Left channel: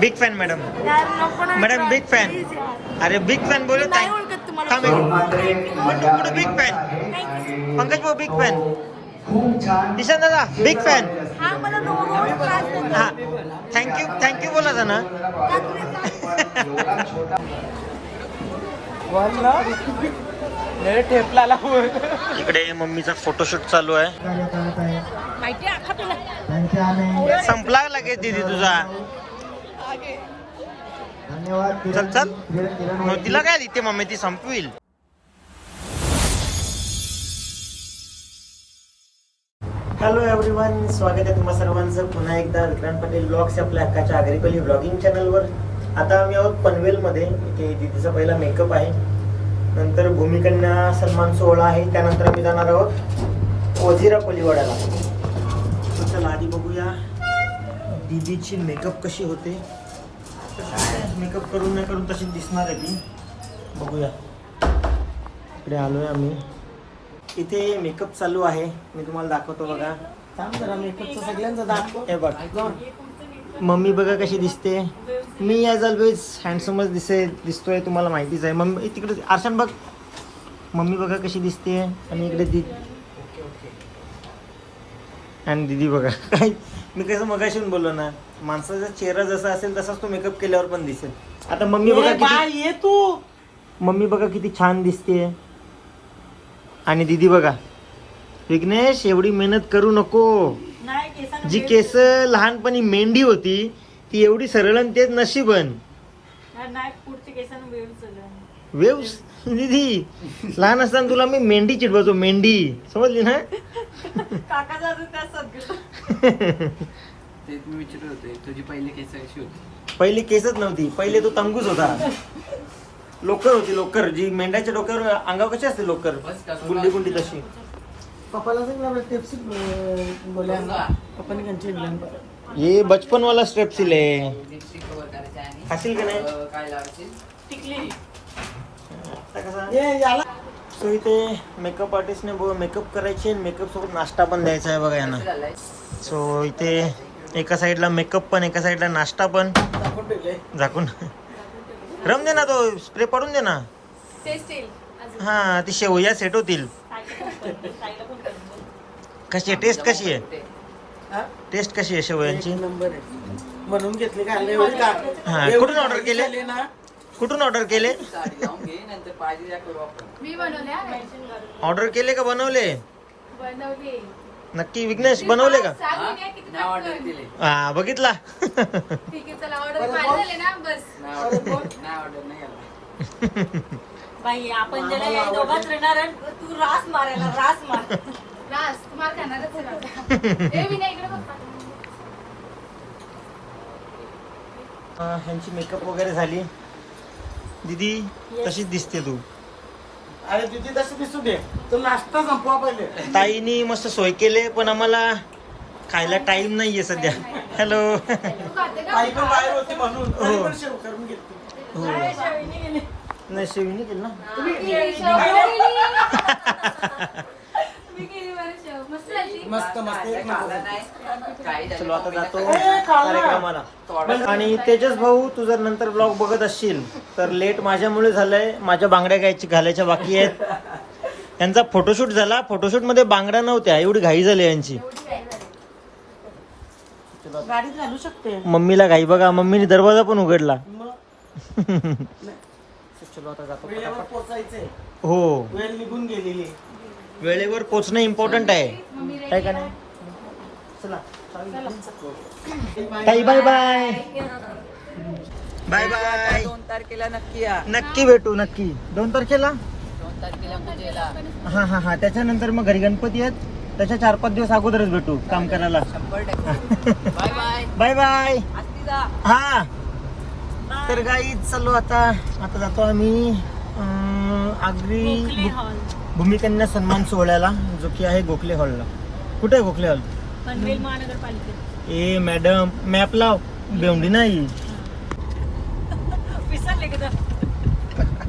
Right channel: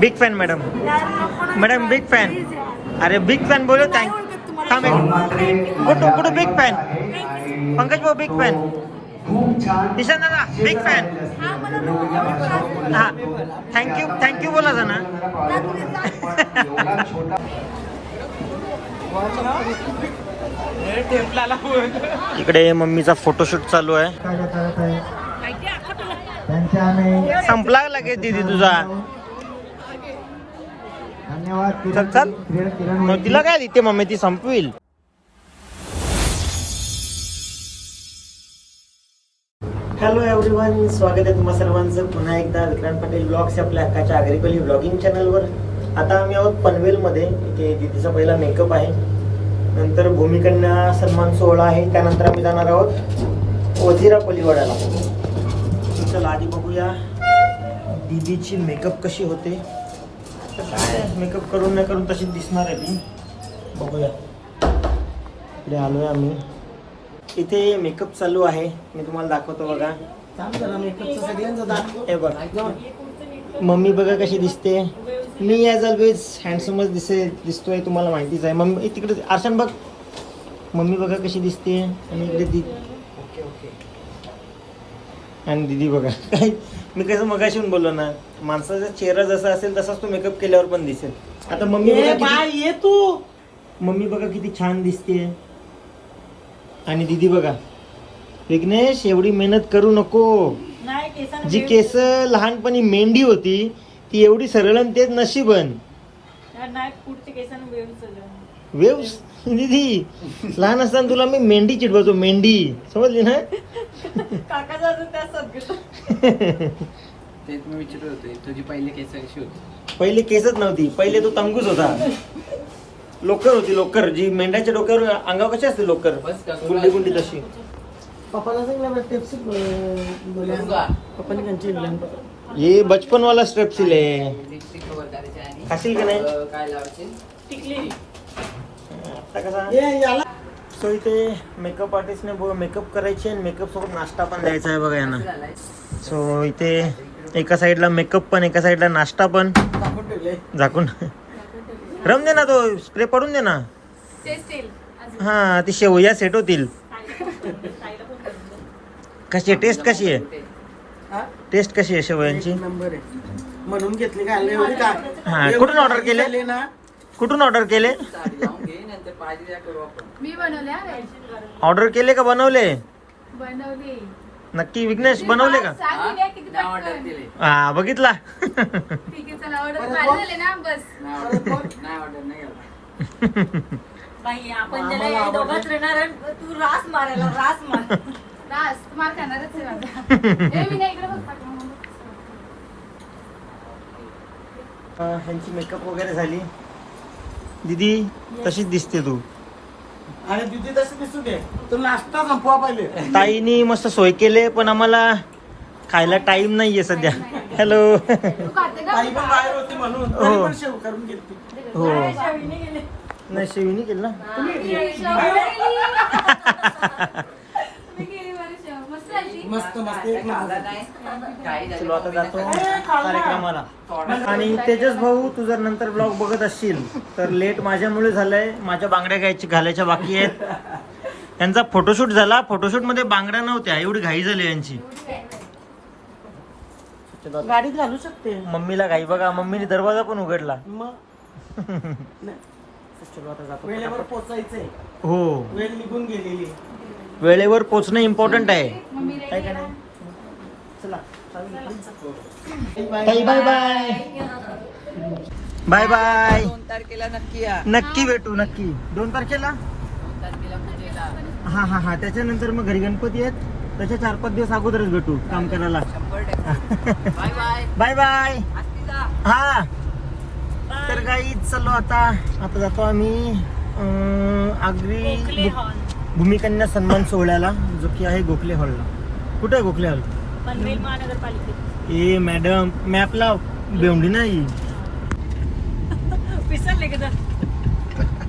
Big fan madam madam big fan. अरे big fan बोलो thank. थांब. कुठं कुठं बिग फॅन. पंकज भाऊ बिग फॅन ईशान दादा बिग फॅन हा, थँक्यू थँक्यू बोला ना. इकडे मम्मीचा फोटोशूट चालू आहे. संपला लगेच दीदी तुझा. चल चल. मग तिला काय देते मम्मी? ती संपविल. हॅलो एव्हरीवन स्वागत आहे तुम्हा सर्वांचं. पुन्हा एकदा विक्रांत पटेल ब्लॉग्स आपल्या अक्काच्या आग्रिकली ब्लॉगिंग चॅनलवर आता आम्ही आहोत पनवेलमध्ये इथे दीदीचा पहिला मेकअप आहे. नंतर भूमिकन्या सन्मान सोहळा आहे. त्यानंतर आम्ही जाणार आहोत ओझिरा कोलीवाड्याला चला आधी बघूया. दीदीची मेकअप कशी होते? काय? मेकअप करून नाही करून तशीच दिसणार आहे ती बघूया. इकडे आलोय आम्ही. इथे मेकअप चालू आहे. मी तुम्हाला दाखवतो बघा. हे बघ. मम्मी बघा कशी दिसते. मी ॲज ऑलवेज हँडसमच दिसे दिसतोय तुम्हाला माहितीच आहे. मम्मी तिकडे आरशान बघ. मम्मी बघा कशी दिसते. आणि इकडे दी आणि दीदी बघा. काय मी कसं मगाशी बोललो ना माणसाचा चेहरा जसा असेल तसाच तो मेकअप केल्यावर पण दिसेल. आता मम्मी बघा किती ये तू. मम्मी बघा किती छान दिसते आणि दीदी बघा विघ्नेश एवढी मेहनत करू नको. जी केस लहानपणी मेंढी होती ती एवढी सरळ आणि तेच नशीबन यार, दीदी लहान असताना तुला मी मेंढी चिडवायचो मेंढी. समजली ना? काकाचा अजून त्या सदगत ते तुम्ही विचारत होते तुझी पहिली केस कशी होती. पहिले केसच नव्हती पहिले तो तंगूच होता. लोकर होती लोकर जी मेंढ्याच्या डोक्यावर अंगावर कशी असते लोकर? गुंडी गुंडी तशी. पप्पाला सांगितलं टिप्स बोला पप्पाने त्यांची ये बचपन वाला स्टेप्सिल आहे खाशील का नाही? काय टिकली. आता कसा? सो इथे मेकअप आर्टिस्टने मेकअप करायचे आणि मेकअप सोबत नाश्ता पण द्यायचा आहे बघा यांना. सो इथे एका साईडला मेकअप पण एका साईडला नाश्ता पण. झाकून. रम दे ना तो स्प्रे पडून दे ना. हा ती शेवया सेट होतील. कशी आहे? टेस्ट कशी आहे? टेस्ट कशी आहे शेवयांची? नंबर आहे. म्हणून घेतले का? एवढी का? हा कुठून ऑर्डर केले? ना. कुठून ऑर्डर केले? मी बनवल्या ऑर्डर केले का बनवले? बनवले. नक्की विघ्नेश बनवले का? सांगून द्या किती पटकन. हा बघितला. ठीक आहे चला ऑर्डर माझे झाले ना बस. बाई आपण ज्याला या दोघात राहणार आहे, तू रास मारायला रास मार. रास तुम्हाला खाणारच आहे बाबा. ए, विनय, इकडे बघ. पाठीमागं. अं, ह्यांची मेकअप वगैरे झाली. दीदी तशीच दिसते तू. अरे तिथे तसं दिसू दे. तू नाश्ता संपवा पहिले. ताईनी मस्त सोय केले पण आम्हाला खायला टाइम नाहीये सध्या. हॅलो हो. तरी पण शेव करून घेतली हो. नाही शेवीनी केलं ना. मस्त. मस्त मस्त. एक नंबर. चलो आता जातो कार्यक्रमाला. आणि तेजस भाऊ तू जर नंतर ब्लॉग बघत असशील तर लेट माझ्यामुळे झालंय. माझ्या बांगड्या गायची घालायच्या बाकी आहेत. यांचा फोटोशूट झाला. फोटोशूटमध्ये बांगड्या नव्हत्या. एवढी घाई झाली यांची. गाडीत घालू शकते. मम्मीला घाई बघा. मम्मीने दरवाजा पण उघडला. चलो आता जातो. हो. वेळ निघून गेलेली. वेळेवर पोचणं इम्पॉर्टंट आहे. काय का नाही? चला ताई बाय बाय बाय बाय दोन तारखेला नक्की या. नक्की भेटू नक्की. दोन तारखेला? हा हा हा. त्याच्यानंतर मग घरी गणपती आहेत. त्याच्या चार पाच दिवस अगोदरच भेटू काम करायला. बाय बाय हा. तर गाई चाललो आता आता जातो आम्ही. अं, आगरी हॉल भूमिकन्या सन्मान सोहळ्याला जो की आहे गोखले हॉलला. कुठे आहे गोखले हॉल? पनवेल महानगरपालिकेत. ए मॅडम मॅप लाव बेवडी नाही? विसरले का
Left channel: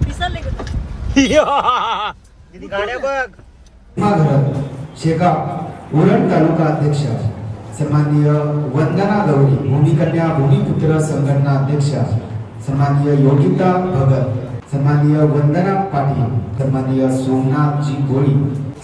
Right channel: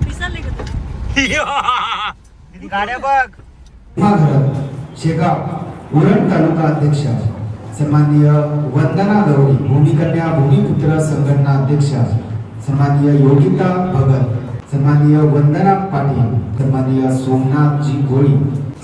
विसरले का किती गाड्या शेगाव उरण तालुका अध्यक्ष. सन्माननीय वंदना गौरी भूमिकन्या भूमिपुत्र संघटना अध्यक्ष. सन्माननीय योगिता भगत. सन्माननीय वंदना पाटील सन्माननीय सोमनाथजी गोळी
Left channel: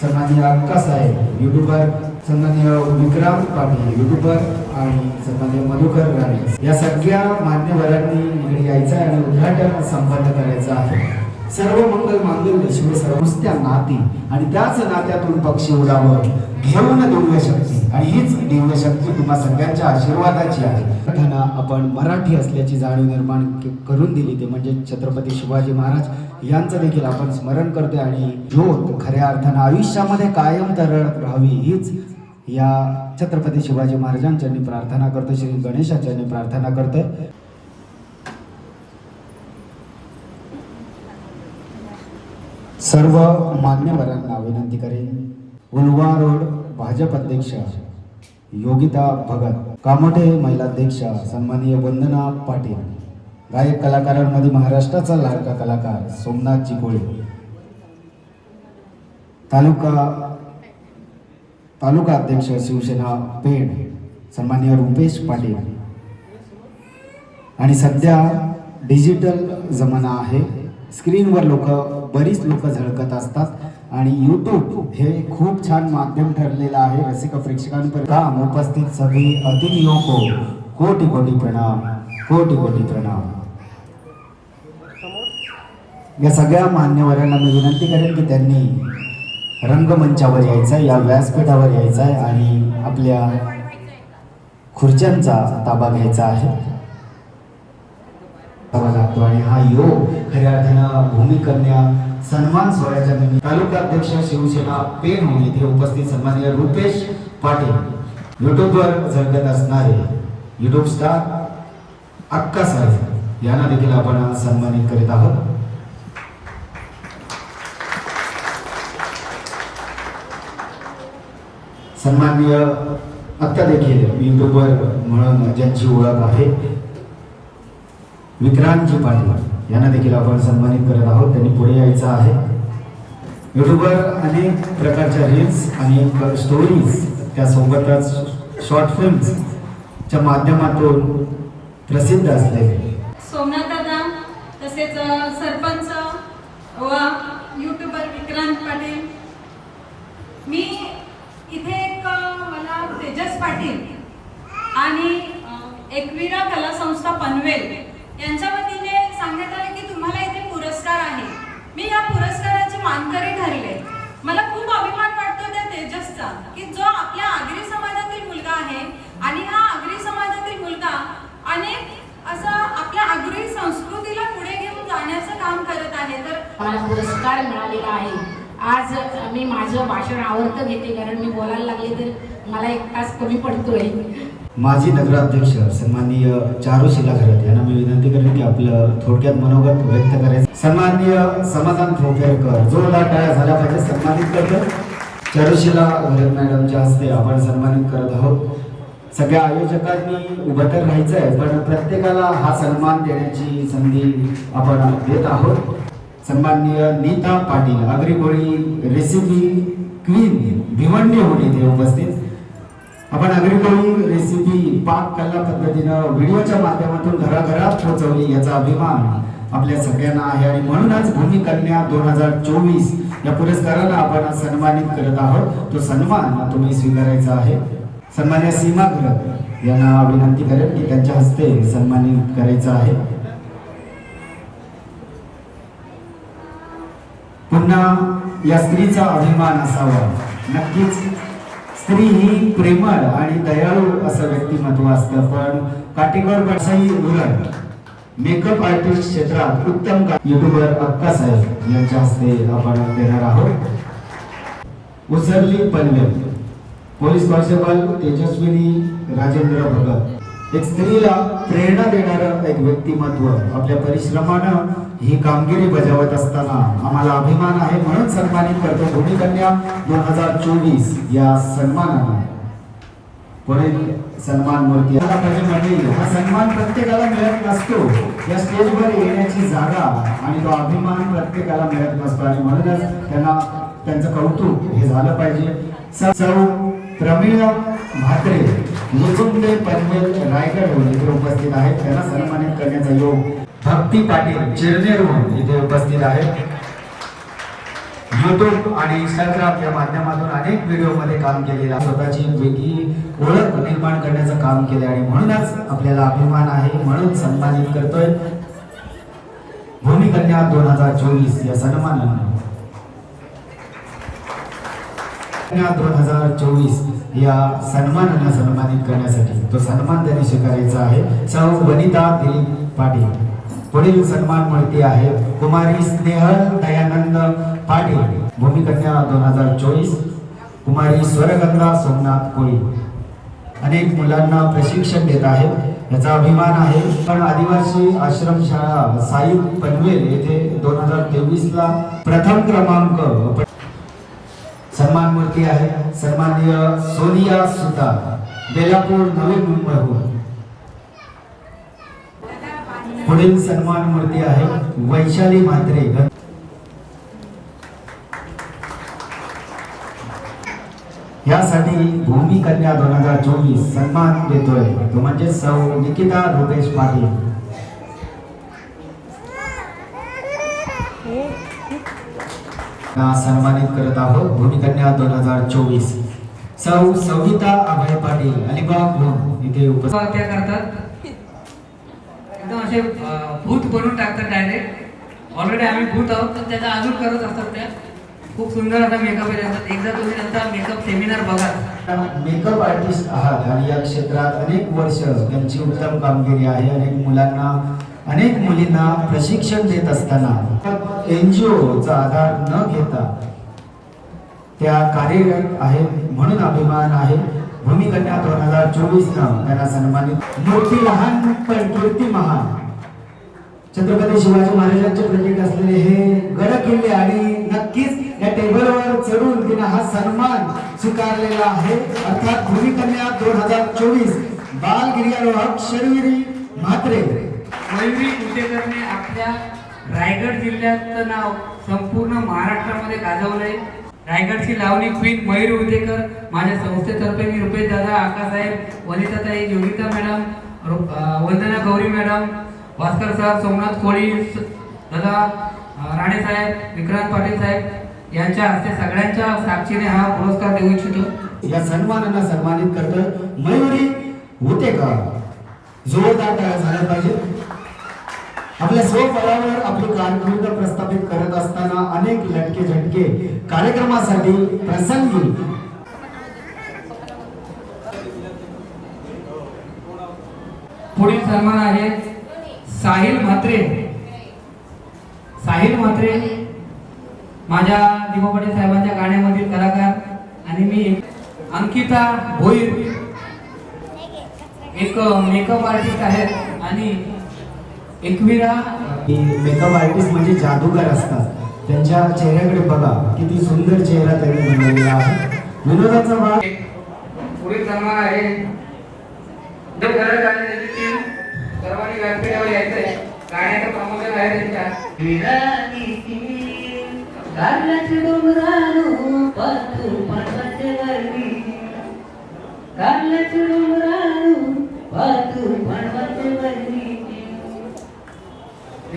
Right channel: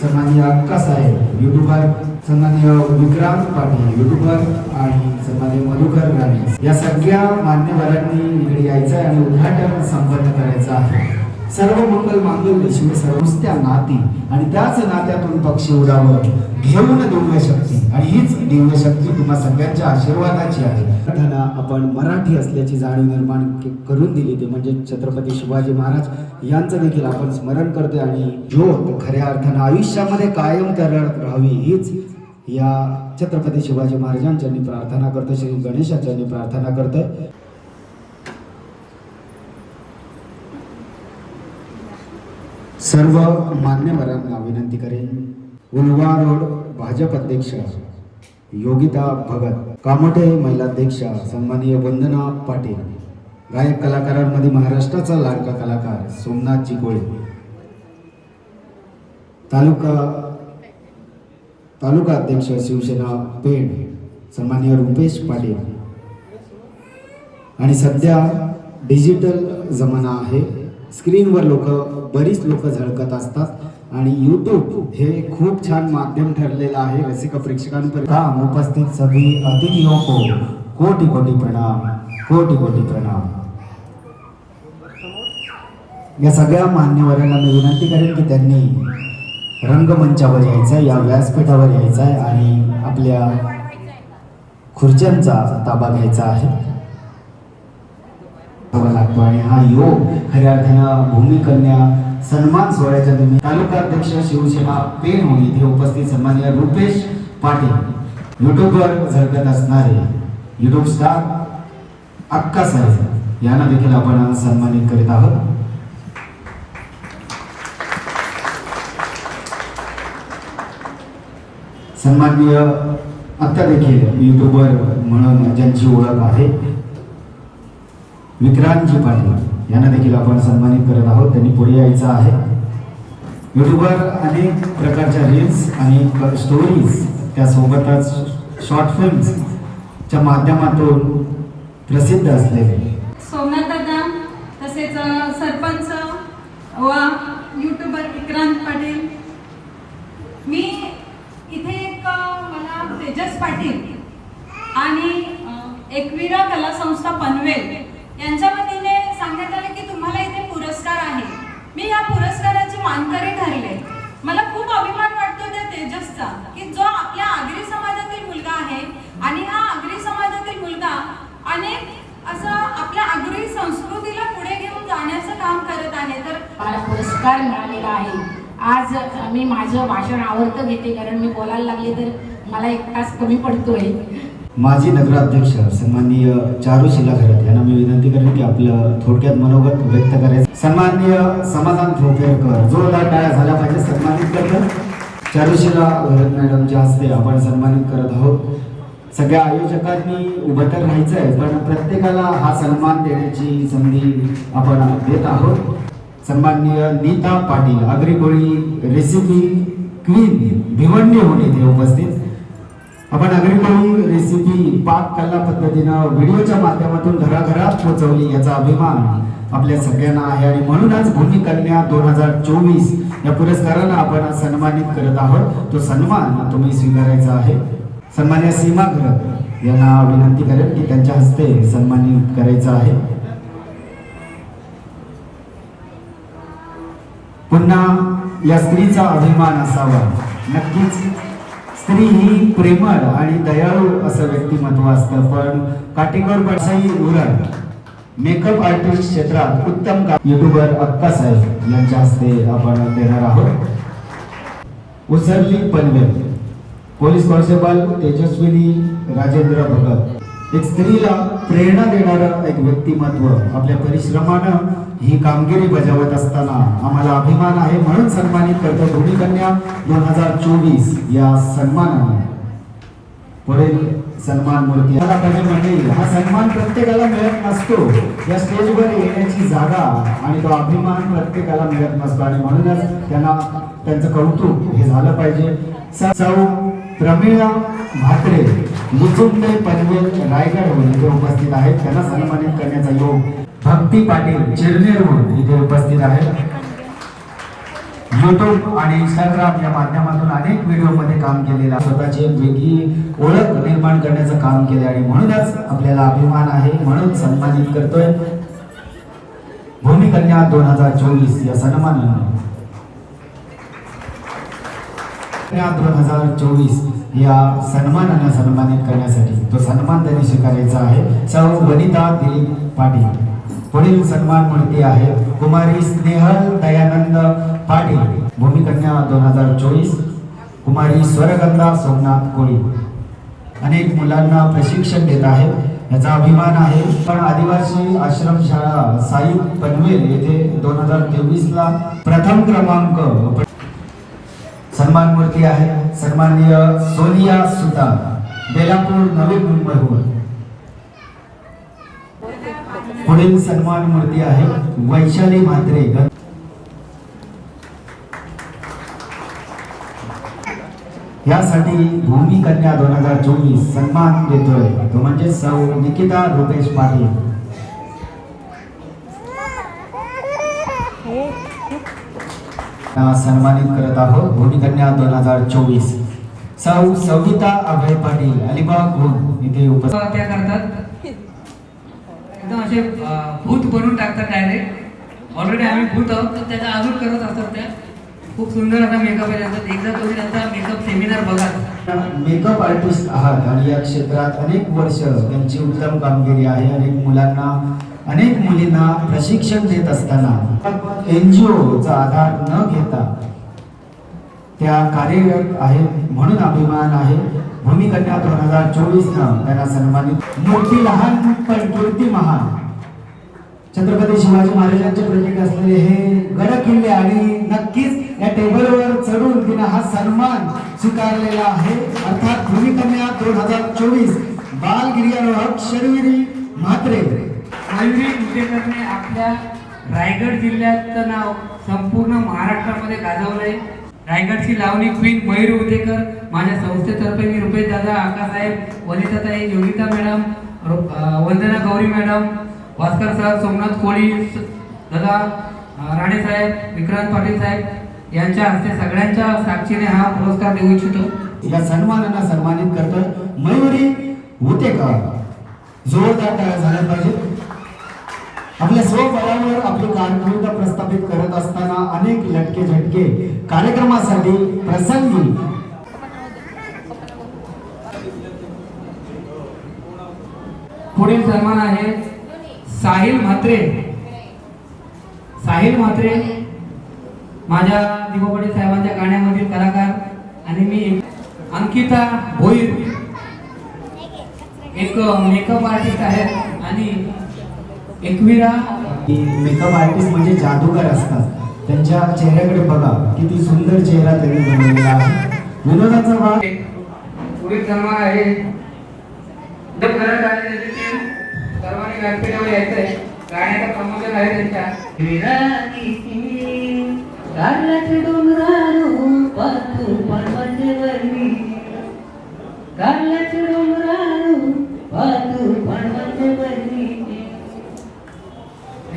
सन्माननीय अक्कासाहेब युट्यूबर सन्माननीय विक्रांत पाटील युट्यूबर आणि सन्माननीय मधुकर राणे. या सगळ्या मान्यवरांनी इकडे यायचं आहे आणि उद्घाटन संपन्न करायचं आहे. सर्व मंगल मांगल्य शिव सर्वस्त्या नाती. आणि त्याच नात्यातून पक्षी उडावं. घेऊन दिव्य शक्ती. आणि हीच दिव्य शक्ती तुम्हा सगळ्यांच्या आशीर्वादाची आहे. त्यांना आपण मराठी असल्याची जाणीव निर्माण करून दिली ते म्हणजे छत्रपती शिवाजी महाराज यांचं देखील आपण स्मरण करते आणि ज्योत खऱ्या अर्थानं आयुष्यामध्ये कायम तरळत राहावी हीच या छत्रपती शिवाजी महाराजांच्यानी प्रार्थना करतो श्री गणेशाच्यानी प्रार्थना करतोय. सर्व मान्यवरांना विनंती करेन. उलवा रोड भाजप अध्यक्ष योगिता भगत कामोठे महिलाध्यक्ष सन्माननीय वंदना पाटील गायक कलाकारांमध्ये महाराष्ट्राचा लाडका कलाकार सोमनाथ चिकोळे तालुका तालुका अध्यक्ष शिवसेना पेण सन्माननीय रुपेश पाटील. आणि सध्या डिजिटल जमाना आहे. स्क्रीनवर लोक बरीच लोक झळकत असतात. आणि यूट्यूब हे खूप छान माध्यम ठरलेलं आहे. रसिक प्रेक्षकांपर्यंत. उपस्थित सभी अतिथियों को कोटी कोटी प्रणाम. कोटी कोटी प्रणाम. या सगळ्या मान्यवरांना मी विनंती करेन की त्यांनी रंगमंचावर यायचं आहे या व्यासपीठावर यायचं आहे आणि आपल्या खुर्च्यांचा ताबा घ्यायचा आहे. लागतो आणि हा योग खऱ्या अर्थानं भूमिकन्या सन्मान सोहळ्याच्या निमित्त तालुका अध्यक्ष शिवसेना पेन होऊन इथे उपस्थित सन्माननीय रुपेश पाटील. युट्यूबवर झळकत असणारे युट्यूब स्टार अक्का साहेब यांना देखील आपण सन्मानित करीत आहोत. सन्माननीय आत्ता देखील युट्यूबर म्हणून ज्यांची ओळख आहे विक्रांतजी पाटील. यांना देखील आपण सन्मानित करत आहोत. त्यांनी पुढे यायचं आहे. युट्यूबर अनेक प्रकारच्या रील्स आणि स्टोरीज त्यासोबतच शॉर्ट फिल्म्सच्या माध्यमातून प्रसिद्ध असलेले सोमनाथ दादा तसेच सरपंच व युट्यूबर विक्रांत पाटील. मी इथे एक मला तेजस पाटील आणि एकवीरा एकविरा कला संस्था पनवेल यांच्या वतीने सांगण्यात आले की तुम्हाला इथे पुरस्कार आहे मी या पुरस्काराचे मानकरी ठरले. मला खूप अभिमान वाटतो त्या तेजसचा की जो आपल्या आगरी समाजातील मुलगा आहे आणि हा आगरी समाजातील मुलगा अनेक असं आपल्या आगरी संस्कृतीला पुढे घेऊन जाण्याचं काम करत आहे. तर मला पुरस्कार मिळालेला आहे. आज मी माझं भाषण आवडतं घेते कारण मी बोलायला लागले तर मला एक तास कमी पडतोय. माजी नगराध्यक्ष सन्माननीय चारू शिलाखरत यांना मी विनंती करेन की आपलं थोडक्यात मनोगत व्यक्त करायचं. सन्माननीय समाधान थोपेरकर जोरदार टाळ्या झाल्या पाहिजे सन्मानित करतो. चारुशिला घरत मॅडमच्या हस्ते आपण सन्मानित करत आहोत. सगळ्या आयोजकांनी उभं तर राहायचं आहे पण प्रत्येकाला हा सन्मान देण्याची संधी आपण देत आहोत. सन्माननीय नीता पाटील अग्रिकोळी रेसिपी क्वीन भिवंडी होऊन ते उपस्थित. आपण अग्रिकोळी रेसिपी पाक कला पद्धतीनं व्हिडिओच्या माध्यमातून घराघरात पोहोचवली याचा अभिमान आपल्या सगळ्यांना आहे. आणि म्हणूनच भूमिकन्या दोन हजार चोवीस या पुरस्काराला आपण सन्मानित करत आहोत. तो सन्मान तुम्ही स्वीकारायचा आहे. सन्मान्य सीमा घरत यांना विनंती करेन की त्यांच्या हस्ते सन्मानित करायचं आहे. पुन्हा या स्त्रीचा अभिमान असावा. नक्कीच स्त्री ही प्रेमळ आणि दयाळू असं व्यक्तिमत्व असतं. पण काटेकोर पडसाई उरण मेकअप आर्टिस्ट क्षेत्रात उत्तम युट्यूबर अक्का साहेब यांच्या हस्ते आपण देणार आहोत. Usarli Panvel. Police constable Tejaswini Rajendra Bhagat. एक स्त्रीला प्रेरणा देणारं एक व्यक्तिमत्व आपल्या परिश्रमानं ही कामगिरी बजावत असताना आम्हाला अभिमान आहे म्हणून सन्मानित करतो भूमिकन्या दोन हजार चोवीस या सन्मानाने. पुढील सन्मान मूर्ती आला हा सन्मान प्रत्येकाला मिळत नसतो. या स्टेजवर येण्याची जागा आणि तो अभिमान प्रत्येकाला मिळत नसतो आणि म्हणूनच त्यांना त्यांचं कौतुक हे झालं पाहिजे. स- सौ प्रमिळा म्हात्रे मुजुंडे पनवेल रायगडहून इथे उपस्थित आहेत. त्यांना सन्मानित करण्याचा योग भक्ती पाटील चिरनेरहून इथे उपस्थित आहेत. युट्यूब आणि इंस्टाग्राम या माध्यमातून अनेक व्हिडिओमध्ये काम केलेलं स्वतःची एक वेगळी ओळख निर्माण करण्याचं काम केले आणि म्हणूनच आपल्याला अभिमान आहे म्हणून सन्मानित करतोय. भूमिकन्या दोन हजार चोवीस या सन्मानानं. दोन हजार चोवीस या सन्मानानं सन्मानित करण्यासाठी तो सन्मान त्यांनी स्वीकारायचा आहे. सौ वनिता दिलीप पाटील. पुढील सन्मान मूर्ती आहे. कुमारी स्नेहल दयानंद पाटील. भूमिकन्या दोन हजार चोवीस. कुमारी स्वरगंधा सोमनाथ कोळी. अनेक मुलांना प्रशिक्षण देत आहे. याचा अभिमान आहे. पण आदिवासी आश्रमशाळा साई पनवेल येथे दोन हजार तेवीस ला प्रथम क्रमांक सन्मान मूर्ती आहे. सन्माननीय सोनिया सुतार. बेलापूर नवी मुंबईहून. पुढील सन्मान मूर्ती आहे वैशाली म्हात्रे. यासाठी भूमी कन्या दोन हजार चोवीस सन्मान देतोय. तो म्हणजे सौ निकिता रुपेश पाटील. सन्मानित करत आहोत भूमिकन्या दोन हजार चोवीस. सौ सविता अभय पाटील अलिबाग इथे उपस्थित. करतात. एकदम असे भूत बनवून टाकतात डायरेक्ट ऑलरेडी आम्ही भूत आहोत तर त्याचा अजून करत असतात त्या. खूप सुंदर असा मेकअप आहे त्यांचा. एकदा तुम्ही त्यांचा मेकअप सेमिनार बघा. मेकअप आर्टिस्ट आहात आणि या क्षेत्रात अनेक वर्ष त्यांची उत्तम कामगिरी आहे. अनेक मुलांना अनेक मुलींना प्रशिक्षण देत असताना एन जी ओचा आधार न घेता त्या कार्यरत आहेत म्हणून अभिमान आहे. भूमिकन्या दोन हजार चोवीस न त्यांना सन्मानित. मूर्ती लहान पण कीर्ती महान. छत्रपती शिवाजी महाराजांचे प्रतीक असलेले हे गड किल्ले आणि नक्कीच या टेबलवर चढून तिने हा सन्मान स्वीकारलेला आहे. अर्थात भूमिकन्या दोन हजार चोवीस बाल गिर्यारोहक शर्विरी म्हात्रे. मयुरी कुटेकरने आपल्या रायगड जिल्ह्याचं नाव संपूर्ण महाराष्ट्रामध्ये गाजवलंय. रायगडची लावणी क्वीन मयूर उदेकर माझ्या संस्थेतर्फे मी रुपेश दादा आकासाहेब वनिताताई योगिता मॅडम रु- वंदना गौरी मॅडम भास्कर सर सोमनाथ कोळी दादा अं, राणे साहेब विक्रांत पाटील साहेब यांच्या हस्ते सगळ्यांच्या साक्षीने हा पुरस्कार देऊ इच्छितो. या सन्मानांना सन्मानित करतो मयुरी होते का जोरदार टाळ्या झाल्या पाहिजे. आपल्या स्वफळावर आपली कारकीर्द प्रस्थापित करत असताना अनेक लटके झटके कार्यक्रमासाठी प्रसंगी. पुढील सन्मान आहे साहिल म्हात्रे. साहिल म्हात्रे माझ्या दीपा साहेबांच्या गाण्यामधील कलाकार आणि मी अंकिता भोईर. एक मेकअप आर्टिस्ट आहे आणि एकविरा मेकअप आर्टिस्ट म्हणजे जादूगार असतात. त्यांच्या चेहऱ्याकडे बघा किती सुंदर चेहरा त्यांनी बनवलेला आहे. विनोदाचा भाग. पुढील सन्मान आहे. देव घरात आले त्याची टीम सर्वांनी व्यासपीठावर यायचं आहे गाण्याचं प्रमोशन आहे त्यांच्या. गारल्याचे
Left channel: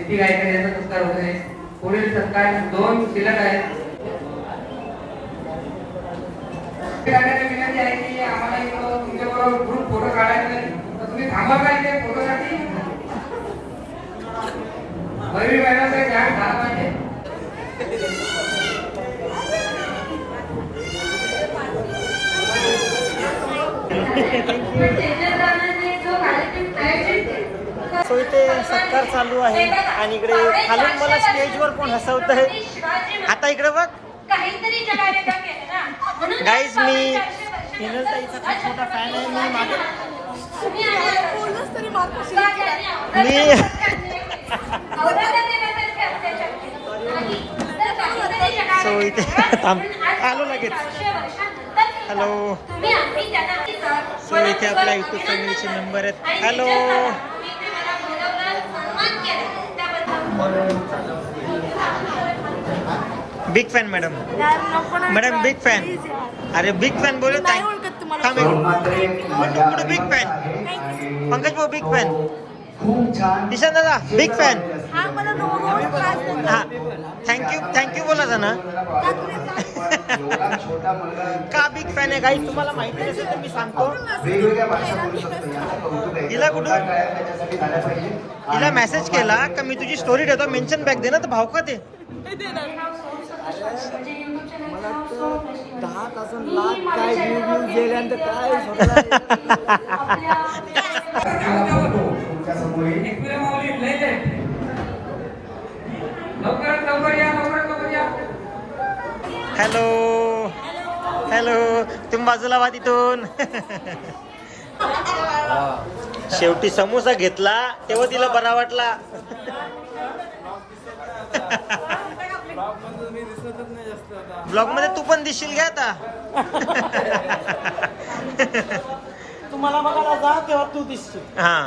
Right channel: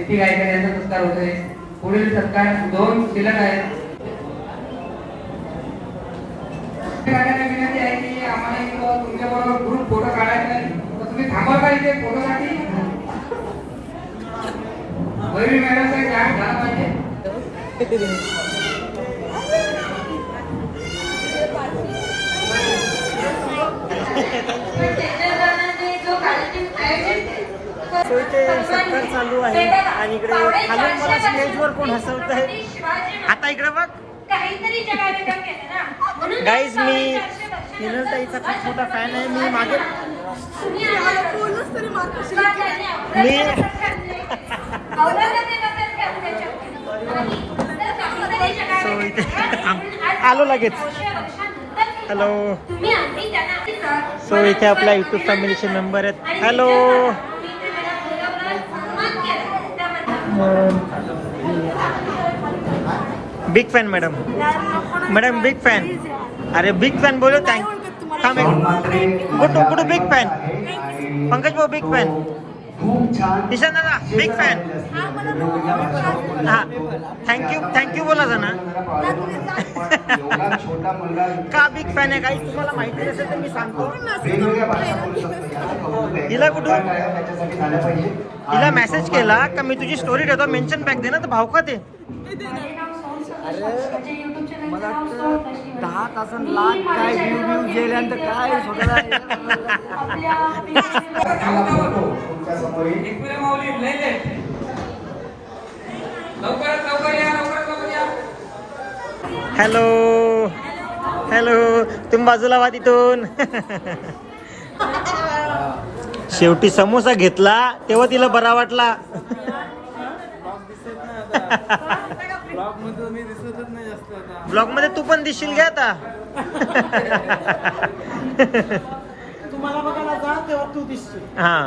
नीती गायकर यांचा सत्कार होतोय? पुढील सत्कार दोन शिल्लक आहेत. विनंती आहे की आम्हाला एक तुमच्याबरोबर ग्रुप फोटो काढायचा तर तुम्ही थांबा पाहिजे फोटोसाठी वैरी मॅडम काय जाहीर झाला पाहिजे. सो इथे सत्कार चालू आहे आणि इकडे खालून मला स्टेजवर कोण हसवत आहे आता इकडे बघ. गाईज मी हिनल ताईचा खूप मोठा फॅन आहे. मी मागे मी सो इथे थांब. आलो लगेच. हॅलो सो इथे आपल्या युट्यूब फॅमिलीचे मेंबर आहेत. Hello big fan madam madam big fan अरे बिग फॅन बोलो थँक थांब कुठू बिग फॅन पंकज भाऊ बिग फॅन ईशान दादा बिग फॅन हा थँक्यू थँक्यू बोला ना का बिग फॅन आहे? काही तुम्हाला माहिती नसेल तर मी सांगतो. हिला कुठून? हिला मेसेज केला का मी तुझी स्टोरी ठेवतो मेन्शन बॅक दे ना तर भाव का ते मला वाटतं दहा लाख काय व्ह्यू व्ह्यू गेल्यानंतर काय हॅलो हॅलो तुम्ही बाजूला वा तिथून शेवटी समोसा घेतला तेव्हा तिला बरा वाटला. ब्लॉगमध्ये तू पण दिसशील घ्या आता. तुम्हाला बघायला जा तेव्हा तू दिसशील. हा.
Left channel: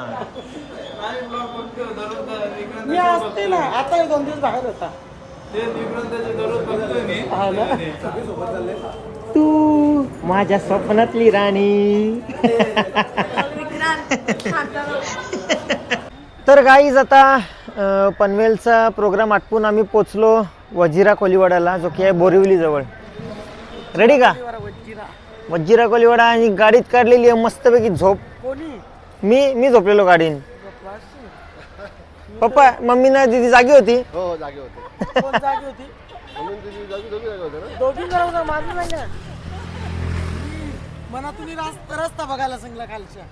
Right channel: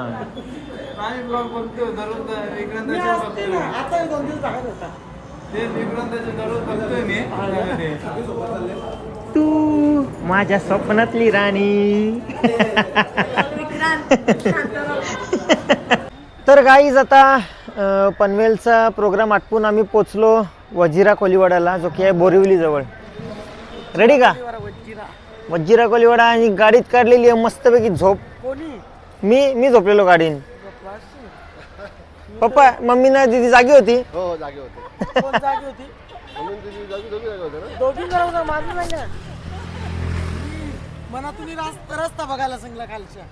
नाही ब्लॉग बघतो दररोज मी विक्रांताचे असते बघतो ना आता एक दोन दिवस बाहेर होता. ते विक्रांताचे दररोज बघतोय मी. तू माझ्या स्वप्नातली राणी. तर गाईज आता पनवेलचा प्रोग्राम आटपून आम्ही पोचलो वजिरा कोलीवाड्याला जो की आहे बोरिवली जवळ रेडी का? वजिरा कोलीवाडा आणि गाडीत काढलेली आहे मस्तपैकी झोप. कोणी? मी मी झोपलेलो गाडीन. पप्पा मम्मी ना दिदी जागी होती. हो जागे होते. मना तुम्ही रास्ता रस्ता बघायला सांगला खालच्या.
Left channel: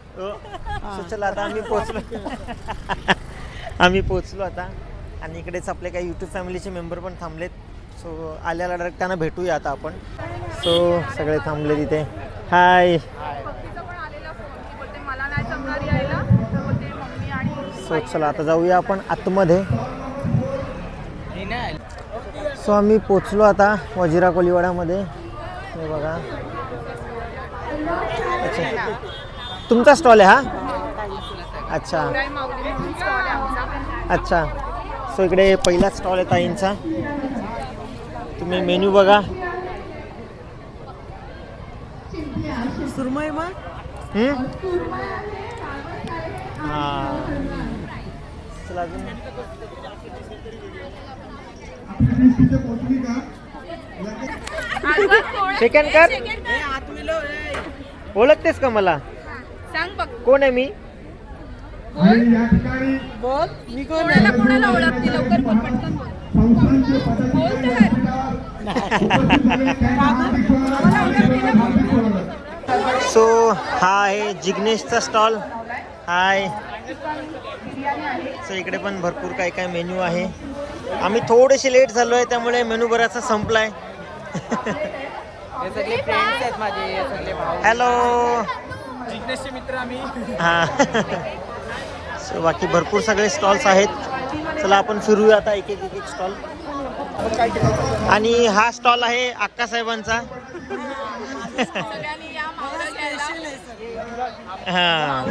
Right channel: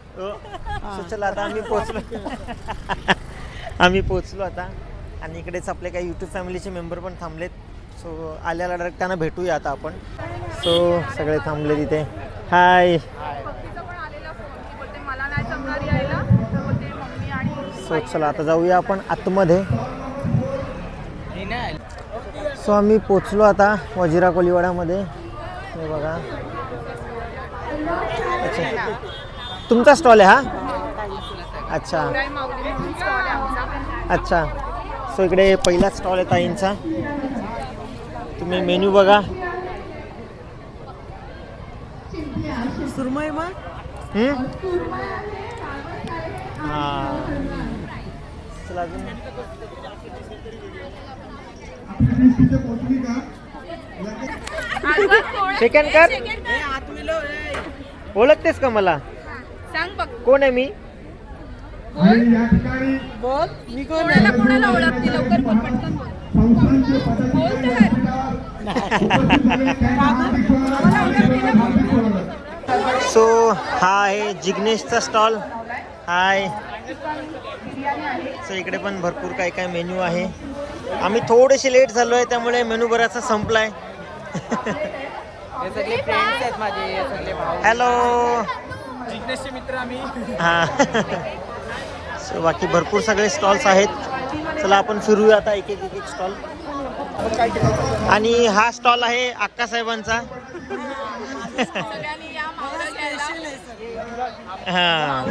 So, चला आता आम्ही पोचलो आम्ही पोचलो आता. आणि इकडेच आपले काही यूट्यूब फॅमिलीचे मेंबर पण थांबलेत. सो आल्याला डायरेक्ट त्यांना भेटूया आता आपण. सो सगळे थांबले तिथे हाय सो चला आता जाऊया आपण आतमध्ये. सो आम्ही पोचलो आता वजिरा कोलीवाड्यामध्ये. हे बघा अच्छा तुमचा स्टॉल आहे हा? अच्छा. अच्छा. सो इकडे पहिला स्टॉल आहे ताईंचा. तुम्ही मेन्यू बघा. सुरमई मग हम्म? हा. चला अजून सेकंड कर. ओळखतेस का मला? कोण आहे मी? बोल. मी कोण आहे? कोणाला ओळखते? लवकर बोल पटकन बोल. बोल तर. सो हा आहे जिग्नेशचा स्टॉल. हाय. सो इकडे पण भरपूर काय काय मेन्यू आहे. आम्ही थोडेसे लेट झालो आहे त्यामुळे मेनू बराचसा संपलाय. हे सगळे फ्रेंड्स आहेत माझे हे सगळे भाऊ. हॅलो जिग्नेशचे मित्र आम्ही. हां. सो बाकी भरपूर सगळे स्टॉल्स आहेत. चला आपण फिरूया आता एक एक एक एक स्टॉल आणि हा स्टॉल आहे अक्का साहेबांचा. हां.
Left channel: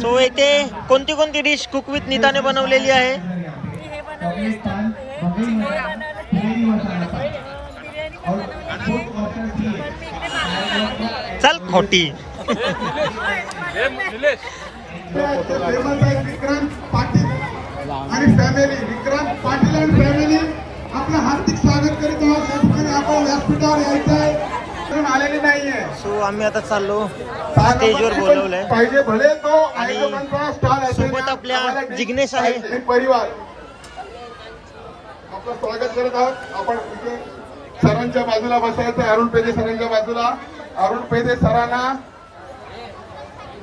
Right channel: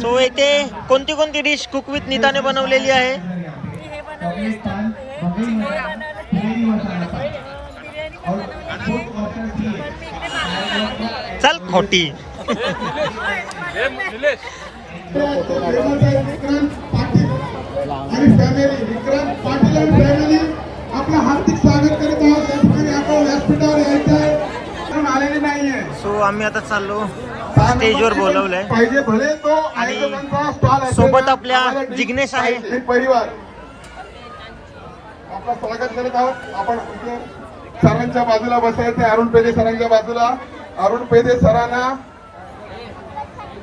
सो येथे कोणती कोणती डिश कुक विथ नीताने बनवलेली आहे. चल खोटी. विक्रांत पाटील आणि फॅमिली विक्रांत पाटील आणि फॅमिली आपलं हार्दिक स्वागत करीत आहोत त्या यायचंय नाहीये सो आम्ही आता चाललो स्टेजवर बोलवलंय. पाहिजे भले तो आणि सोबत आपल्या जिग्नेश आहे. परिवार आपलं स्वागत करत आहोत. आपण सरांच्या बाजूला बसायचं अरुण पेदे सरांच्या बाजूला. अरुण पेदे सरांना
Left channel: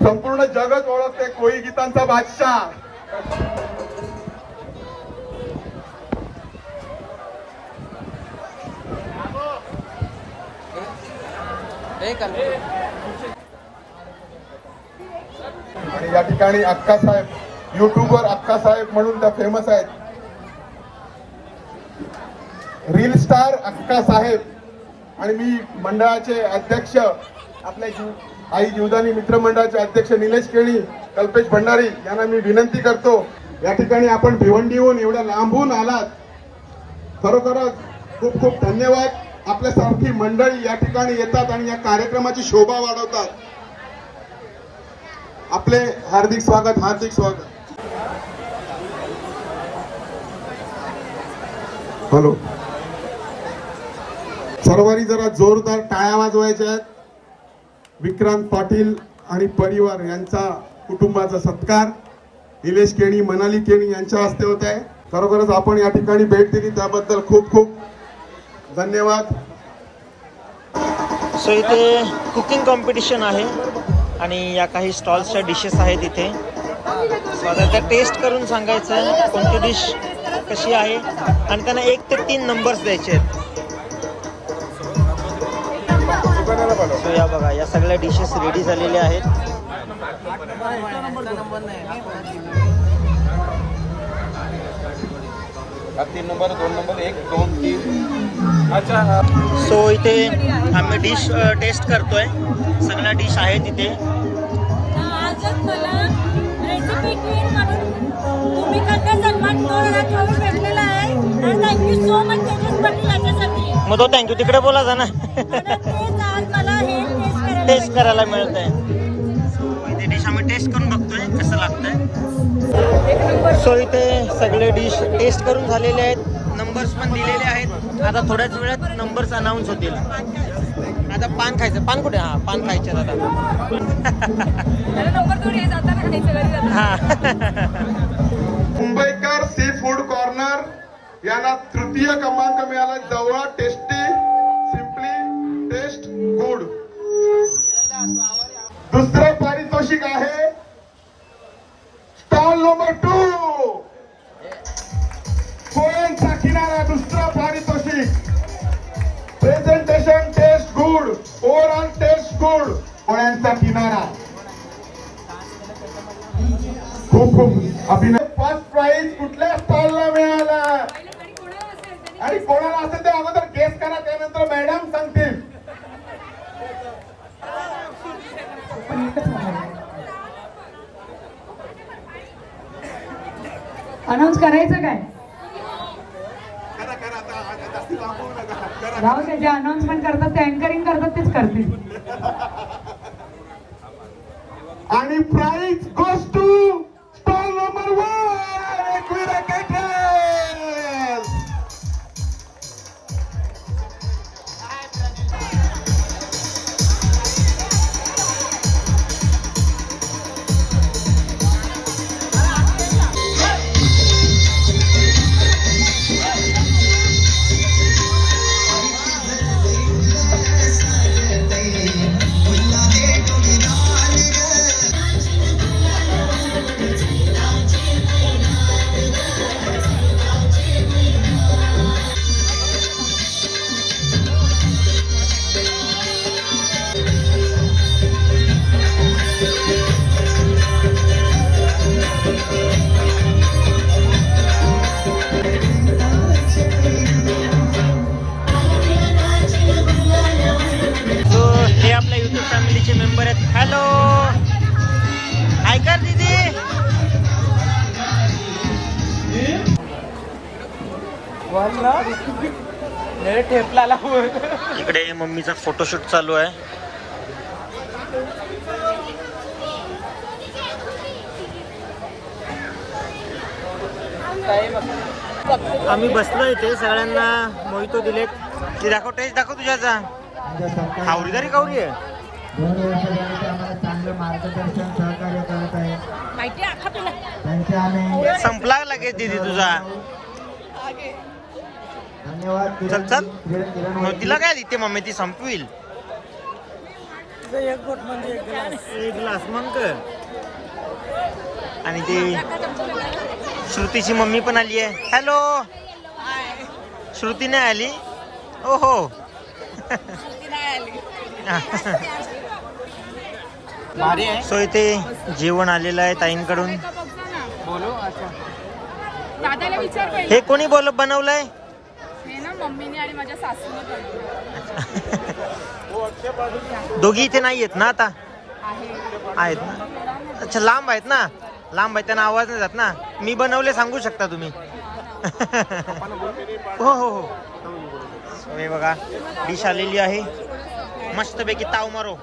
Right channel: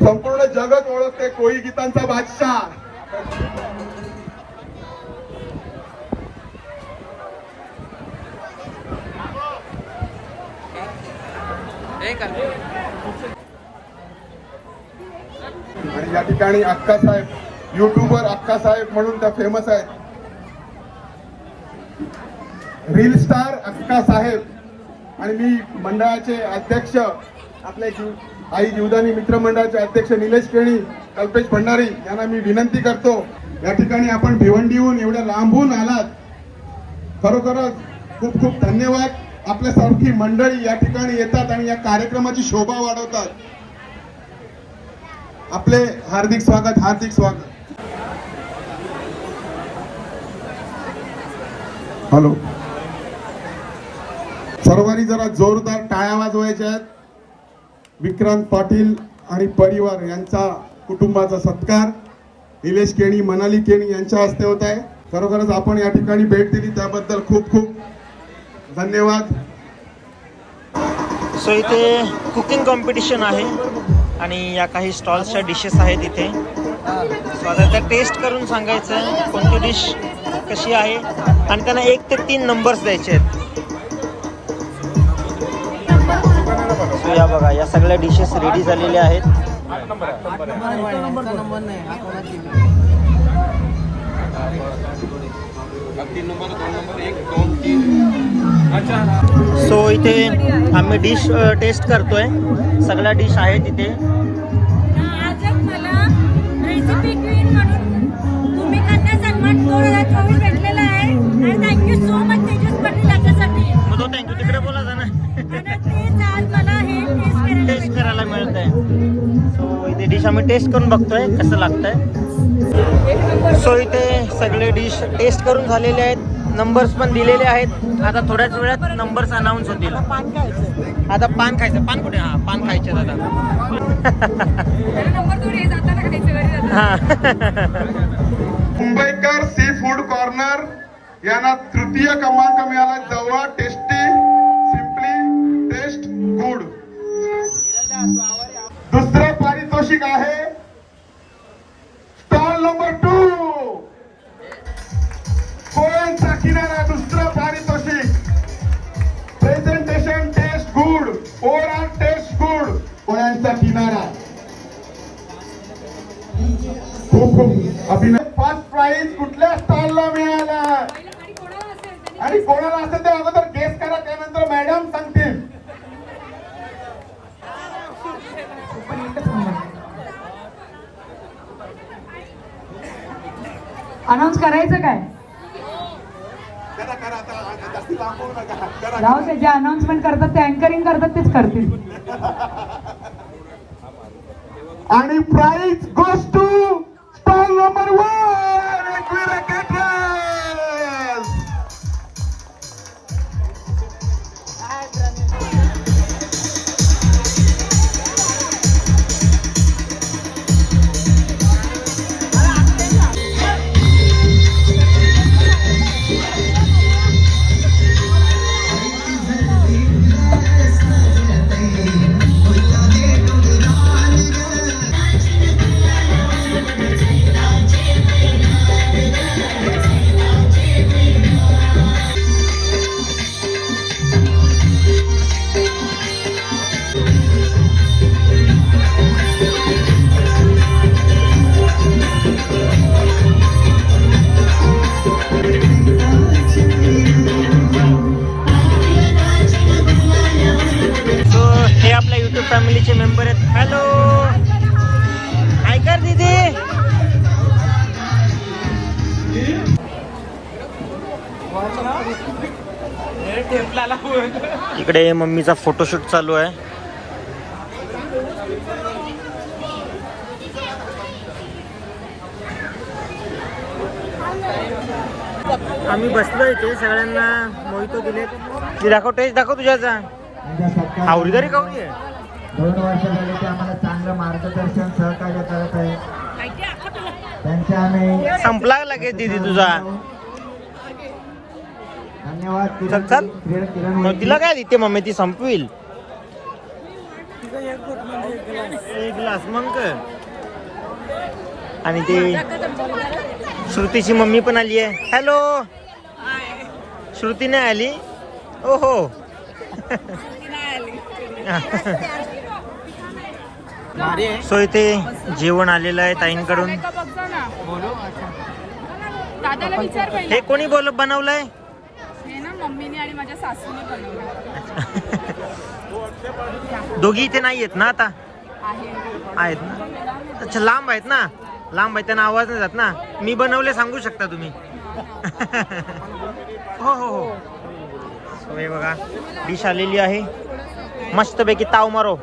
संपूर्ण जगत ओळखते कोळी गीतांचा बादशाह. आणि या ठिकाणी अक्का साहेब युट्यूबवर अक्का साहेब म्हणून त्या फेमस आहेत. रील स्टार अक्का साहेब. आणि मी मंडळाचे अध्यक्ष आपले आई जीवदानी मित्रमंडळाचे अध्यक्ष निलेश केळी कल्पेश भंडारी यांना मी विनंती करतो या ठिकाणी आपण भिवंडीहून एवढ्या लांबून आलात. खरोखरच खूप खूप धन्यवाद. आपल्यासारखी मंडळी या ठिकाणी येतात आणि या कार्यक्रमाची शोभा वाढवतात. आपले हार्दिक स्वागत हार्दिक स्वागत. हॅलो. सर्वांनी जरा जोरदार टाळ्या वाजवायच्या आहेत. विक्रांत पाटील आणि परिवार यांचा कुटुंबाचा सत्कार. निलेश केणी मनाली केणी यांच्या हस्ते होत आहे. खरोखरच आपण या ठिकाणी भेट दिली त्याबद्दल खूप खूप धन्यवाद. सो इथे कुकिंग कॉम्पिटिशन आहे आणि या काही स्टॉल्सच्या डिशेस आहेत इथे. सो आता त्या टेस्ट करून सांगायचं आहे कोणती डिश कशी आहे? आणि त्यांना एक ते तीन नंबर्स द्यायचे आहेत. या बघा या सगळ्या डिशेस रेडी झालेल्या आहेत. तीन नंबर दोन नंबर एक दोन तीन अच्छा सो इथे आम्ही डिश टेस्ट करतोय. सगळ्या डिश आहेत इथे. आजच मला रेसिपी क्वीन म्हणून भूमिकाचा सन्मान दोन हजार चोवीस भेटलेला आहे. आणि thank you so much Tejas Patil याच्यासाठी. मग तो थँक्यू तिकडे बोला जा ना. करायला मिळत आहे सो इथे डिश आम्ही टेस्ट करून बघतोय कसं लागतंय. सो इथे सगळे डिश टेस्ट करून झालेले आहेत. नंबर्स पण दिलेले आहेत. आता थोड्याच वेळात नंबर्स अनाऊन्स होतील. आता पान खायचं. पान कुठे? हा पान खायचे दादा नंबर थोडी आहे जाताना खायचं घरी जाताना. हा. मुंबईकर सी फूड कॉर्नर यांना तृतीय क्रमांक मिळाला. जवळ टेस्टी सिम्पली टेस्ट गुड दुसरं पारितोषिक आहे. स्टॉल नंबर टू पोळ्यांचा किनारा दुसरं पारितोषिक. Presentation taste good overall taste good पोळ्यांचा किनारा. खूप खूप अभिनय. फर्स्ट प्राइज कुठल्या स्टॉलला मिळाला? आणि कोणाला असेल? ते अगोदर गेस करा त्यानंतर मॅडम सांगतील. अनाऊन्स करायचं काय? राहू दे जे अनाउन्समेंट करतात ते अँकरिंग करतात तेच करतील. आणि प्राइज मेंबर आहेत. हॅलो हाय कर दीदी. इकडे मम्मीचा फोटोशूट चालू आहे. आम्ही बसलो इथे सगळ्यांना मोहितो दिलेत. ते दाखव टेस्ट दाखव तुझ्याचा. आवरीदारी तरी कावरी आहे दोन वर्ष झाले ते आम्हाला चांगलं मार्गदर्शन सहकार्य करत आहे. त्यांचे आम्ही संपला लगेच दीदी तुझा. धन्यवाद चल चल. मग तिला काय देते मम्मी? ती संपविल. एक ग्लास मग काय? आणि ती श्रुतीची मम्मी पण आली आहे. हॅलो. श्रुती नाही आली. ओ हो सो इथे जेवण आलेलं आहे ताईंकडून. दादाला विचार पहिले. हे कोणी बोल बनवलंय? हे ना मम्मीने आणि माझ्या सासूने बनवले दोघी इथे नाही आहेत ना आता? आहे. आहेत ना? अच्छा लांब आहेत ना? लांब आहेत त्यांना आवाज नाही जात ना? मी बनवले सांगू शकता तुम्ही? हो हो हो हे बघा डिश आलेली आहे. मस्तपैकी ताव मारो.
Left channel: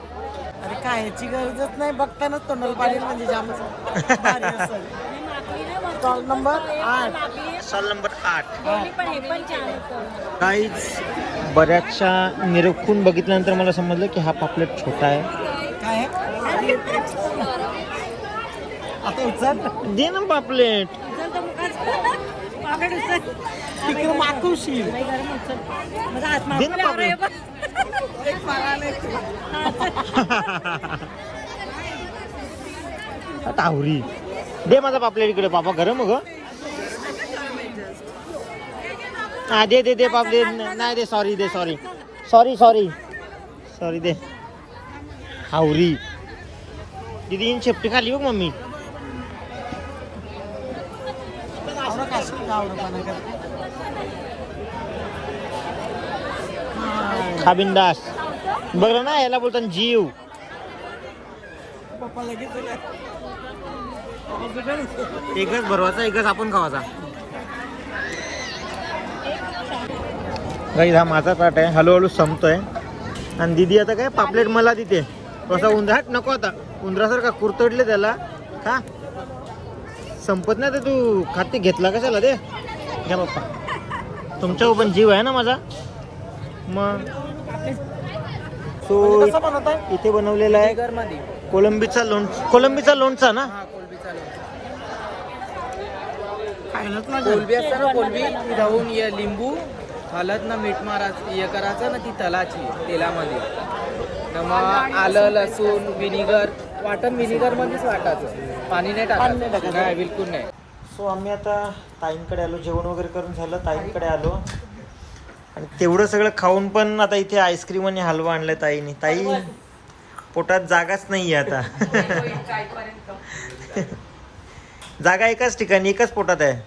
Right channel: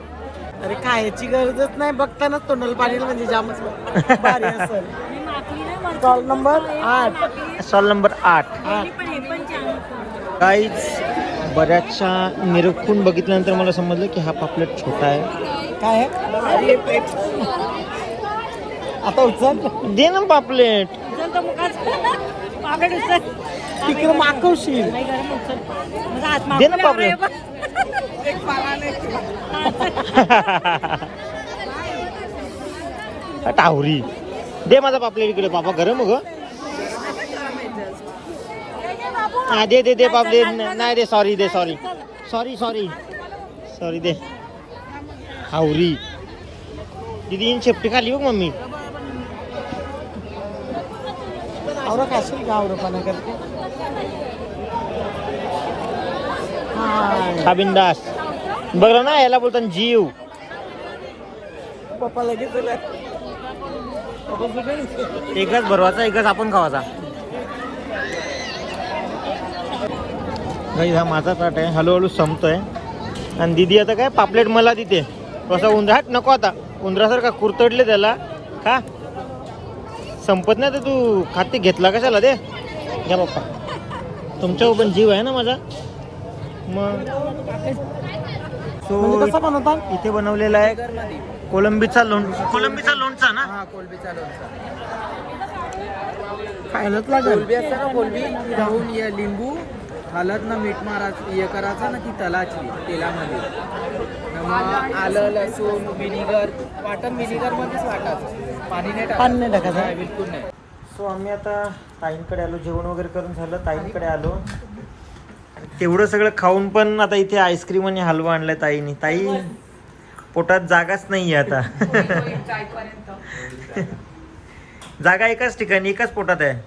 अरे खायची गरजच नाही. बघतानाच तोंडाला पाणी म्हणजे जामच. भारी असेल. स्टॉल नंबर आठ. स्टॉल नंबर आठ. आठ काहीच बऱ्याचशा निरखून बघितल्यानंतर मला समजलं की हा पापलेट छोटा आहे. काय आहे? आता उचल. दे ना पापलेट. तिकडे मागवशील. दे ना माझा पापलेट इकडे पापा गरम ग. हा दे दे दे पापलेट. नाही दे सॉरी दे सॉरी सॉरी सॉरी सॉरी दे. हावरी दीदी इन शेपटी खाली बघ मम्मी. खा बिंदास. बरं ना याला बोलतात जीव. पप्पा लगेच. एकच भरवाचा एकच आपण खावाचा. गाईज हा माझा ताट आहे. हळूहळू संपतोय. आणि दिदी आता काय पापलेट मला देते. कसा उंदरा हट नको आता. उंदरासारखा कुरतडले त्याला. का संपत नाही तर तू खाते घेतला कशाला दे घ्या पप्पा तुमच्यावर पण जीव आहे ना माझा? मग. सो? इथे बनवलेला आहे. कोलंबीचा लोण कोलंबीचा लोणचा ना? हा कोलबीचा लोणचा. खायलाच लागेल. लिंबू हळद ना मीठ मारायचं हे करायचं ना ती तलाची तेलामध्ये. मग आलं लसूण विनिगर. वाटण वाटायचं पाणी नाही टाकायचं नाही बिलकुल नाही. सो आम्ही आता ताईंकडे आलो. जेवण वगैरे करून झालं. ताईंकडे आलो. आणि तेवढं सगळं खाऊन पण आता इथे आईस्क्रीम आणि हलवा आणलाय ताईने. ताई पोटात जागाच नाही आहे आता. जागा एकाच ठिकाणी एकाच पोटात आहे.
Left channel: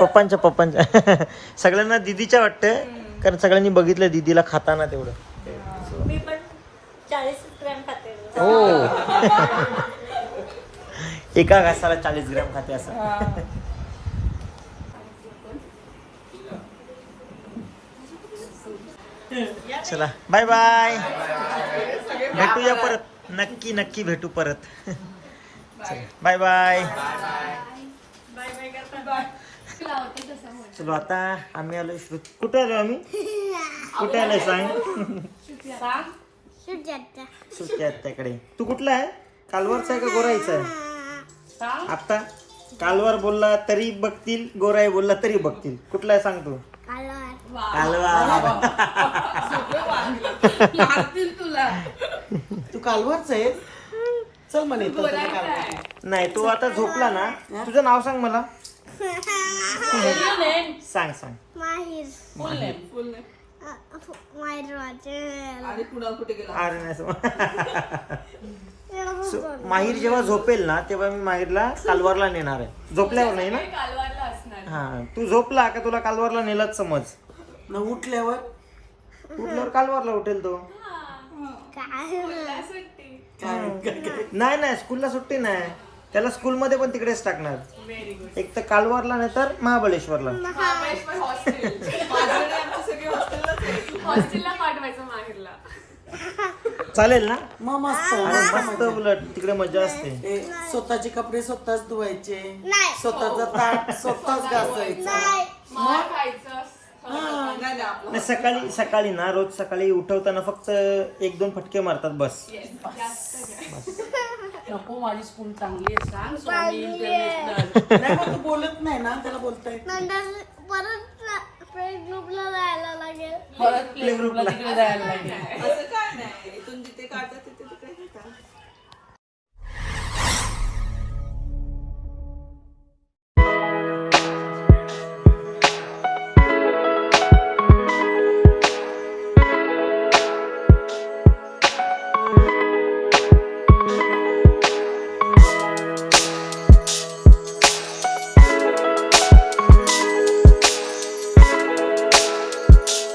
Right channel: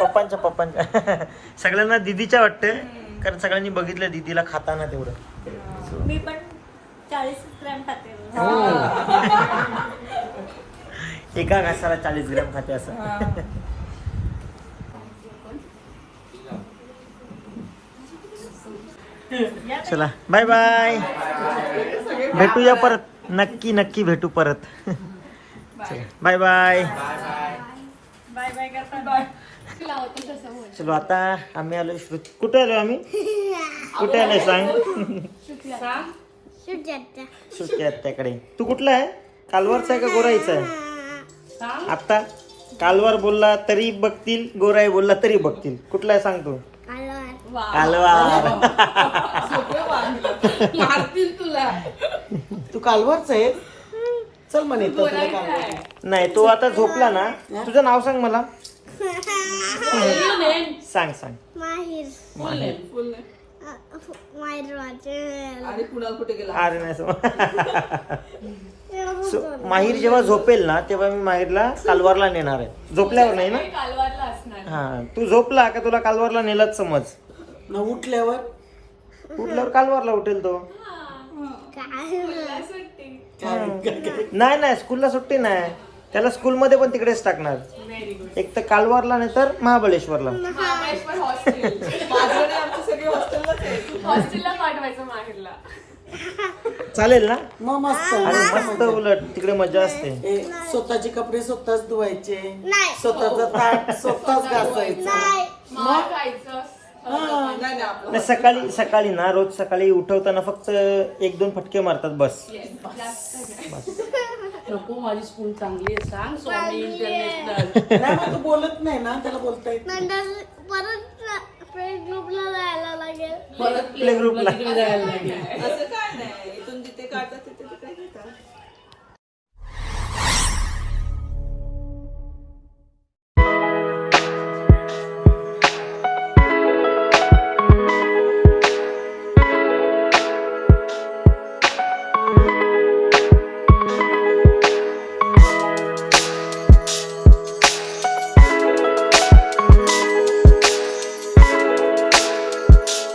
पप्पांच्या पप्पांच्या. सगळ्यांना दिदीच्या वाटतंय. कारण सगळ्यांनी बघितलं दिदीला खाताना तेवढं. मी पण चाळीस ग्रॅम खाते. हो. एका घासाला चाळीस ग्रॅम खाते असं. चला बाय बाय भेटूया परत. नक्की नक्की भेटू परत. चला बाय बाय चलो आता आम्ही आलो श्रुत. कुठे आलो आम्ही? कुठे आलोय सांग? सुट्टी त्याकडे तू कुठला आहे? कालवरचा आहे का गोराईचा आहे? आता कालवार बोलला तरी बघतील गोराई बोलला तरी बघतील. कुठला आहे सांग तू? कालवार तू कालवरच आहे? चल म्हणे नाही तो आता झोपला ना. तुझं नाव सांग मला. सांग सांग. माहीर. माहिर माहीर वाचेल माहीर जेव्हा झोपेल ना तेव्हा मी माहीरला कालवारला नेणार आहे. झोपल्यावर नाही ना? हा तू झोपला का तुला कालवारला नेलाच समज? न उठल्यावर? उठल्यावर कालवारला उठेल तो. नाही नाही स्कूलला सुट्टी नाही. त्याला स्कूलमध्ये पण तिकडेच टाकणार. एक तर कालवारला नाही तर महाबळेश्वरला. चालेल ना? मग मस्त. अरे मस्त उलट. तिकडे मजा असते. ए, स्वतःचे कपडे स्वतःच धुवायचे. नाही. स्वतःचा ताट स्वतःच घासायचं. नाही. सकाळी सकाळी ना रोज सकाळी उठवताना फक्त एक दोन फटके मारतात बस. नको माझी स्कूल चांगली आहे सांग स्वामी इंटरनॅशनल नाही तू बोलत नाही ना त्याला बोलता येत नाही. नंतर परत प्ले ग्रुपला जायला लागेल परत Play group ला. तिकडे जायला लागेल असं काय नाही इथून जिथे काढतात तिथे तिथे घेतात.